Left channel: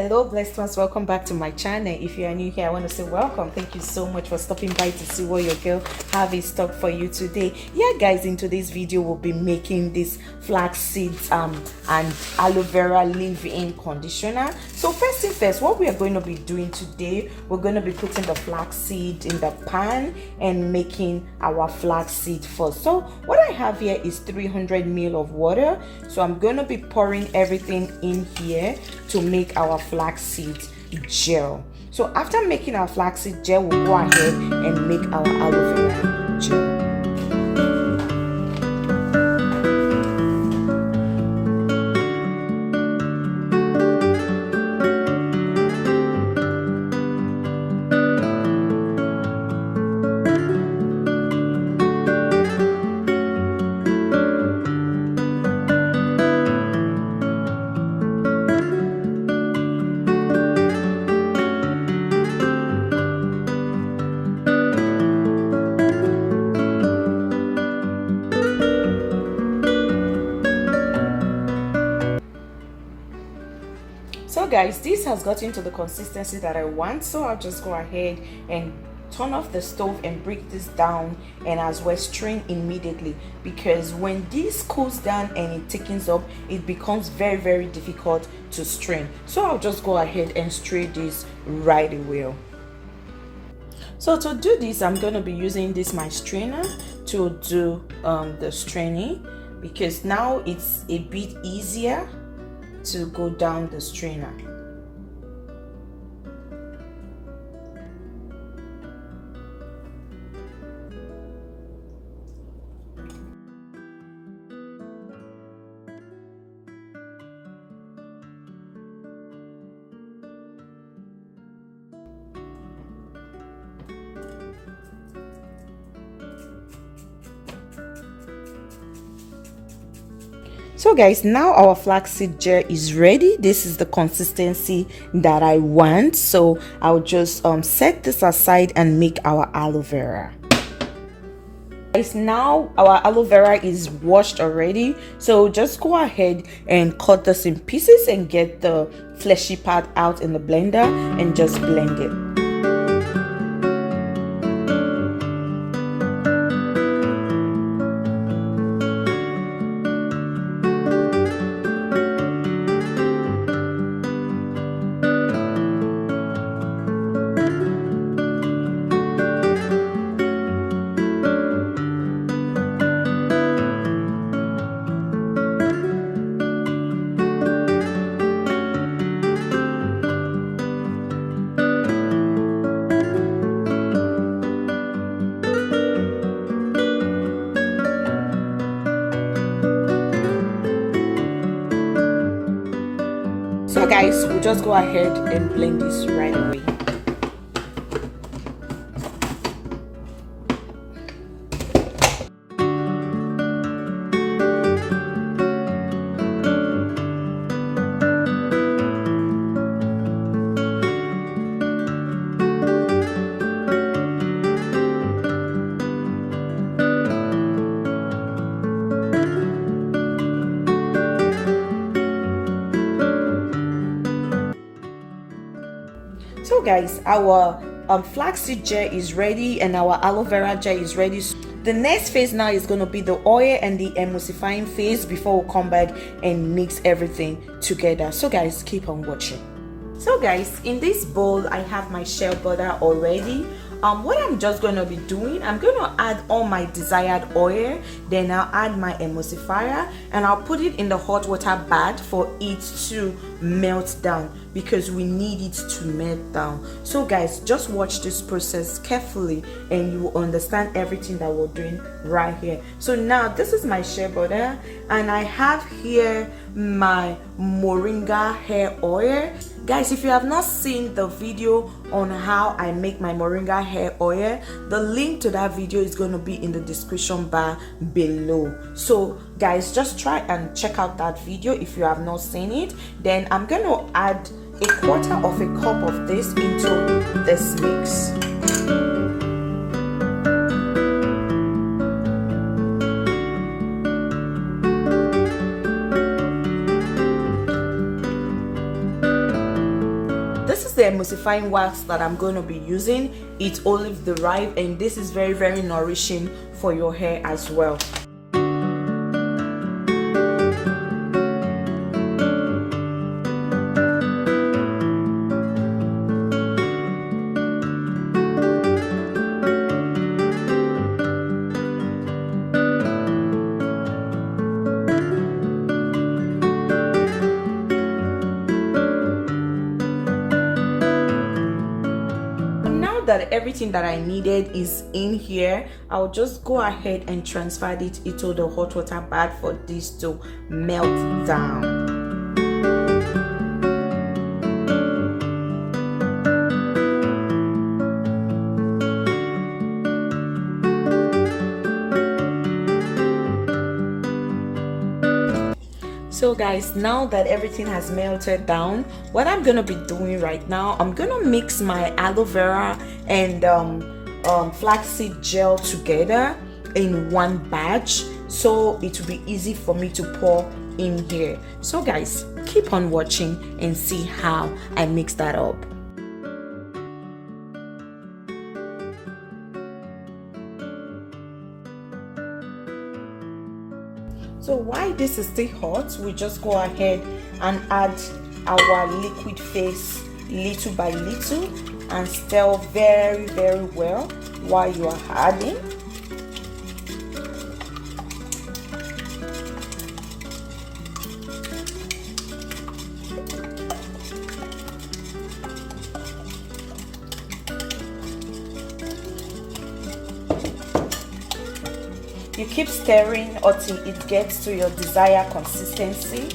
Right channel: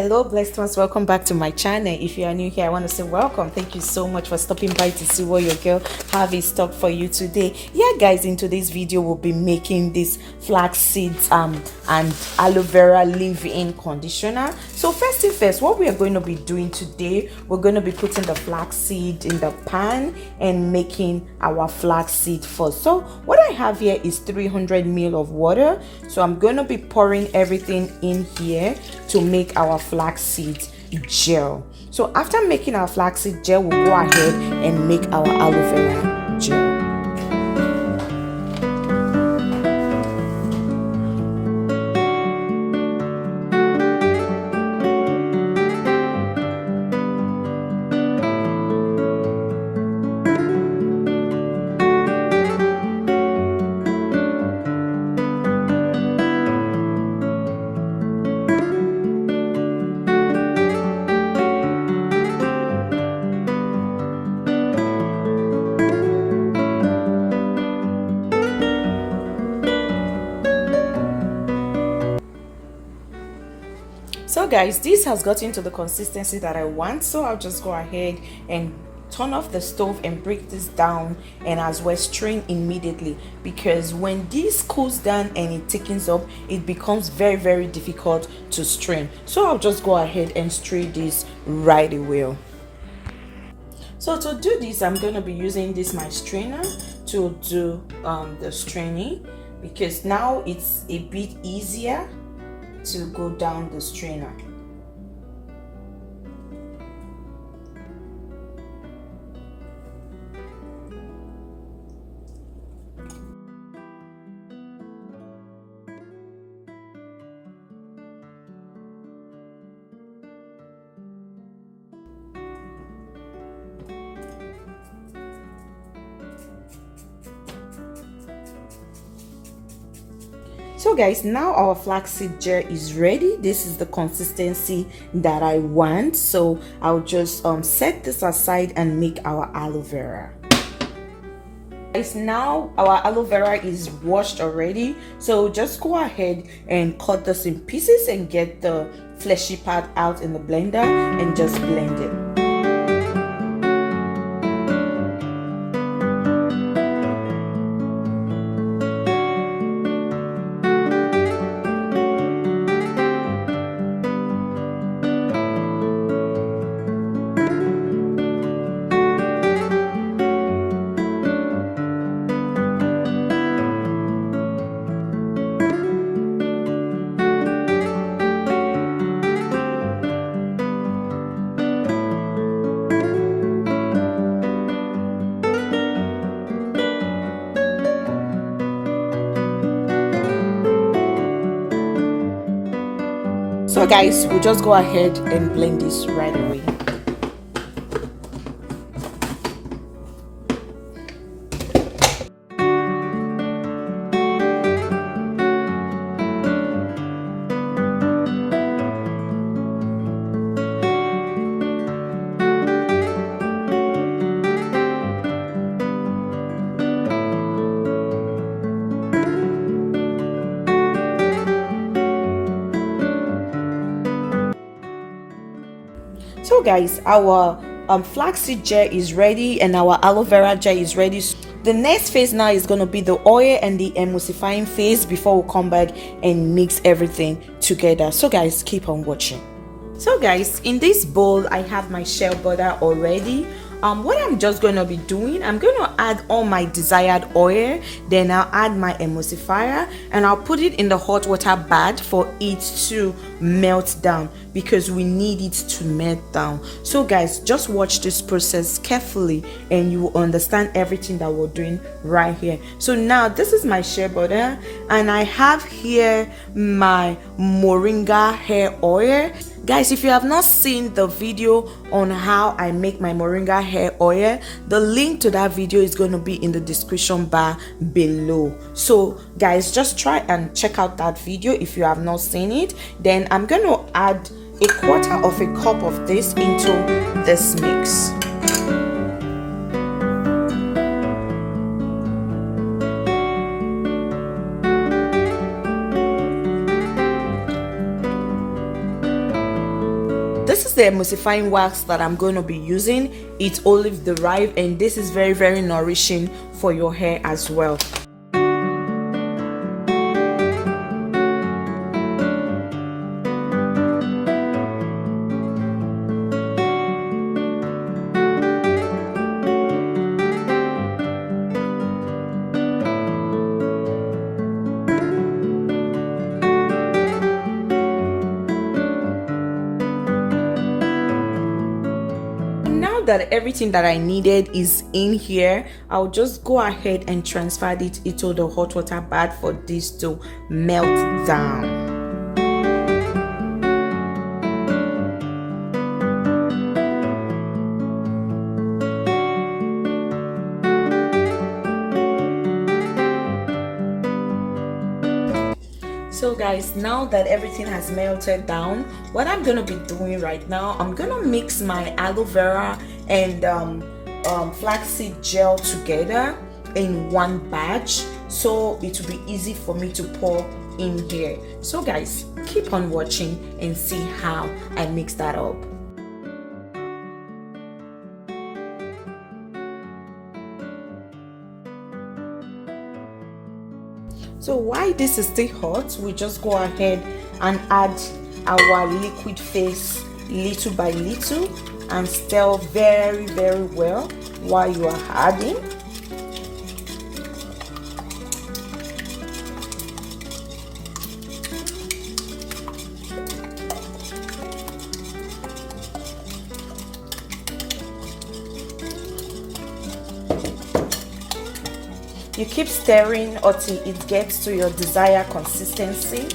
Hello blessed ones, welcome back to my channel. If you are new here, I want to say welcome. Thank you so much for stopping by to see what your girl have in stock for you today. Yeah guys, in today's video we'll be making this flax seeds and aloe vera leave-in conditioner. So first thing first, what we are going to be doing today, we're going to be putting the flax seed in the pan and making our flax seed first. So what I have here is 300 ml of water. So I'm going to be pouring everything in here to make our flaxseed gel. So after making our flaxseed gel, we'll go ahead and make our aloe vera gel. So guys, this has gotten to the consistency that I want, so I'll just go ahead and turn off the stove and break this down, and as well strain immediately, because when this cools down and it thickens up, it becomes very difficult to strain. So I'll just go ahead and strain this right away. So to do this, I'm going to be using this my strainer to do the straining, because now it's a bit easier to go down the strainer. So guys, now our flaxseed gel is ready. This is the consistency that I want. So I'll just set this aside and make our aloe vera. Guys, now our aloe vera is washed already. So just go ahead and cut this in pieces and get the fleshy part out in the blender and just blend it. So guys, we'll just go ahead and blend this right away. So guys, our flaxseed gel is ready and our aloe vera gel is ready. The next phase now is going to be the oil and the emulsifying phase before we come back and mix everything together. So guys, keep on watching. So guys, in this bowl I have my shea butter already. What I'm just going to be doing, I'm going to add all my desired oil, then I'll add my emulsifier and I'll put it in the hot water bath for it to melt down, because we need it to melt down. So guys, just watch this process carefully and you will understand everything that we're doing right here. So now this is my shea butter and I have here my moringa hair oil. Guys, if you have not seen the video on how I make my moringa hair oil, the link to that video is going to be in the description bar below. So guys, just try and check out that video if you have not seen it. Then I'm going to add a quarter of a cup of this into this mix. the emulsifying wax that I'm going to be using. It's olive derived, and this is very, very nourishing for your hair as well. That everything that I needed is in here, I'll just go ahead and transfer it into the hot water bath for this to melt down. So guys, now that everything has melted down, what I'm gonna be doing right now, I'm gonna mix my aloe vera and flaxseed gel together in one batch, so it will be easy for me to pour in here. So guys, keep on watching and see how I mix that up. So while this is still hot, we just go ahead and add our liquid face little by little and stir very, very well while you are adding. You keep stirring until it gets to your desired consistency.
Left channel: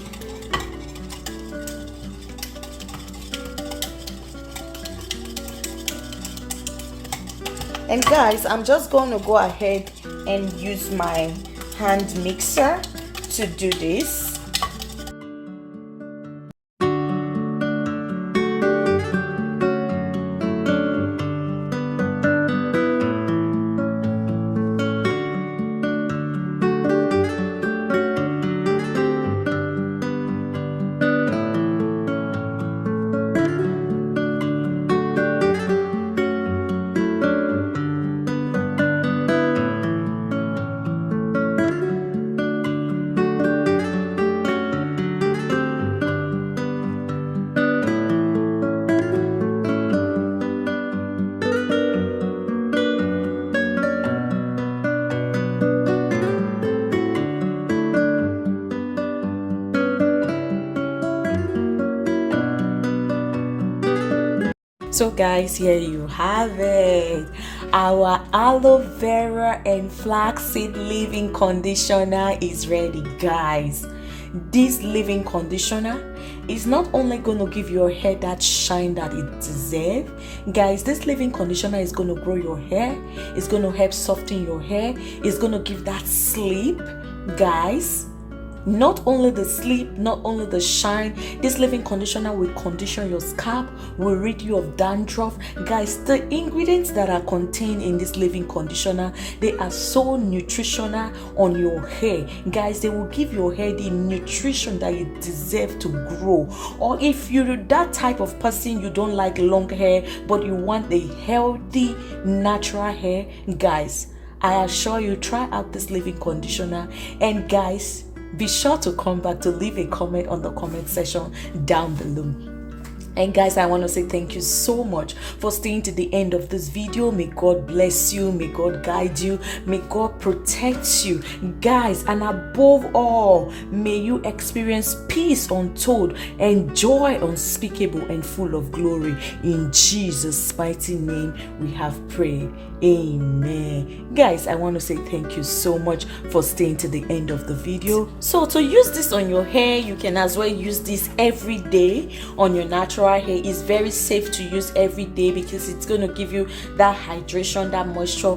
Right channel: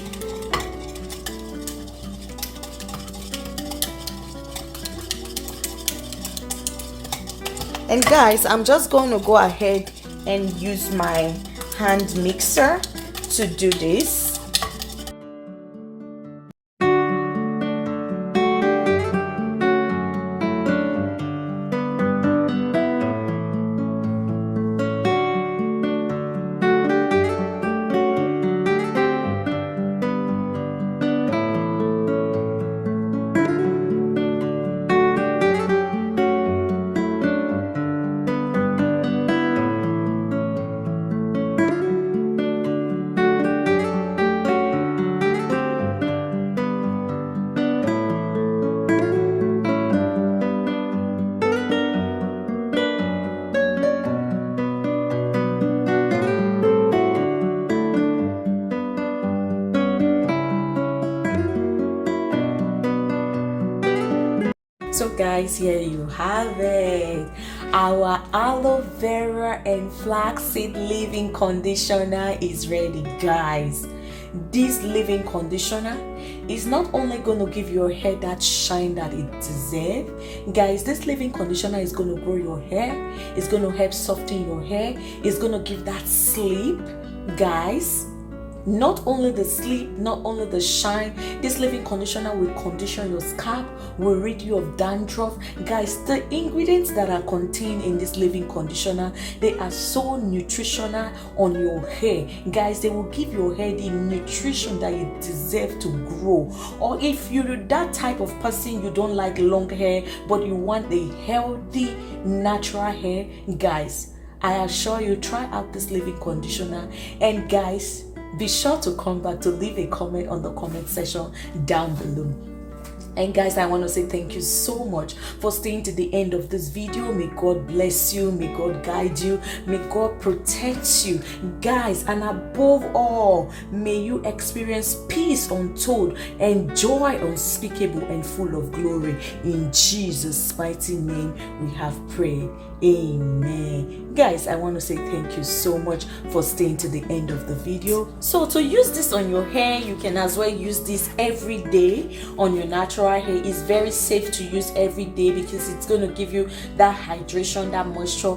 And guys, I'm just going to go ahead and use my hand mixer to do this. So guys, here you have it, our aloe vera and flaxseed leave-in conditioner is ready. Guys, this leave-in conditioner is not only going to give your hair that shine that it deserves. Guys, this leave-in conditioner is going to grow your hair, it's going to help soften your hair, it's going to give that sleep. Guys, not only the sleep, not only the shine, this leave-in conditioner will condition your scalp, will rid you of dandruff. Guys, the ingredients that are contained in this leave-in conditioner, they are so nutritional on your hair. Guys, they will give your hair the nutrition that you deserve to grow. Or if you're that type of person, you don't like long hair but you want a healthy natural hair, guys, I assure you, try out this leave-in conditioner. And guys, be sure to come back to leave a comment on the comment section down below. And guys, I want to say thank you so much for staying to the end of this video. May God bless you, may God guide you, may God protect you, guys, and above all, may you experience peace untold and joy unspeakable and full of glory. In Jesus' mighty name we have prayed. Amen. Guys, I want to say thank you so much for staying to the end of the video. So to use this on your hair, you can as well use this every day on your natural hair. It's very safe to use every day because it's going to give you that hydration, that moisture.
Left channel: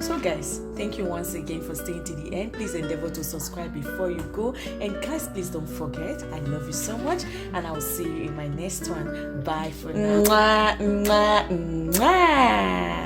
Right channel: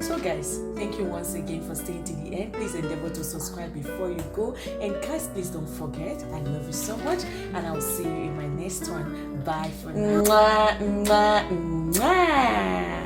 So guys, thank you once again for staying to the end. Please endeavor to subscribe before you go. And guys, please don't forget, I love you so much, and I'll see you in my next one. Bye for now. Mwah, mwah, mwah.